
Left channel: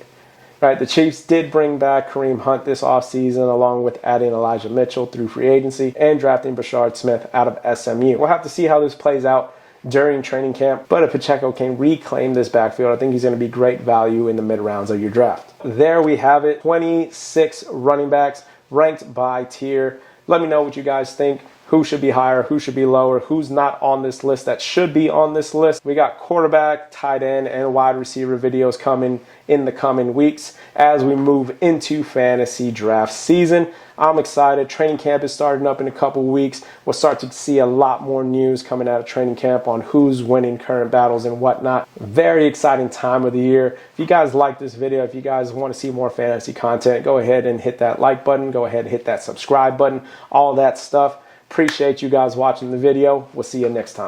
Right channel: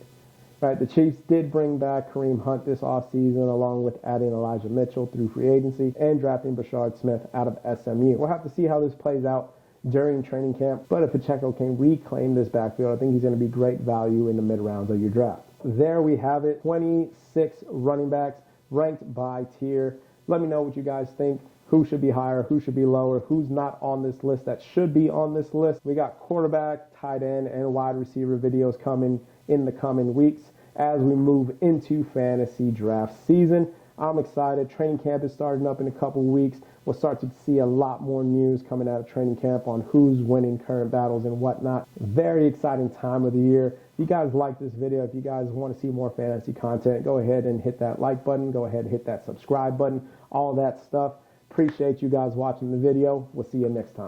Right, the Chiefs did bring back Kareem Hunt this offseason, along with adding Elijah Mitchell through free agency and drafting Brashard Smith out of SMU. We'll have to see how this plays out during training camp, but if Pacheco can reclaim this backfield, I think he's going to be great value in the mid rounds of your draft. There we have it, 26 running backs ranked by tier. Let me know what you guys think. Who should be higher, who should be lower, who's not on this list that should be on this list. We got quarterback, tight end, and wide receiver videos coming in the coming weeks as we move into fantasy draft season. I'm excited. Training camp is starting up in a couple weeks. We'll start to see a lot more news coming out of training camp on who's winning current battles and whatnot. Very exciting time of the year. If you guys like this video, if you guys want to see more fantasy content, go ahead and hit that like button. Go ahead and hit that subscribe button. All that stuff. Appreciate you guys watching the video. We'll see you next time.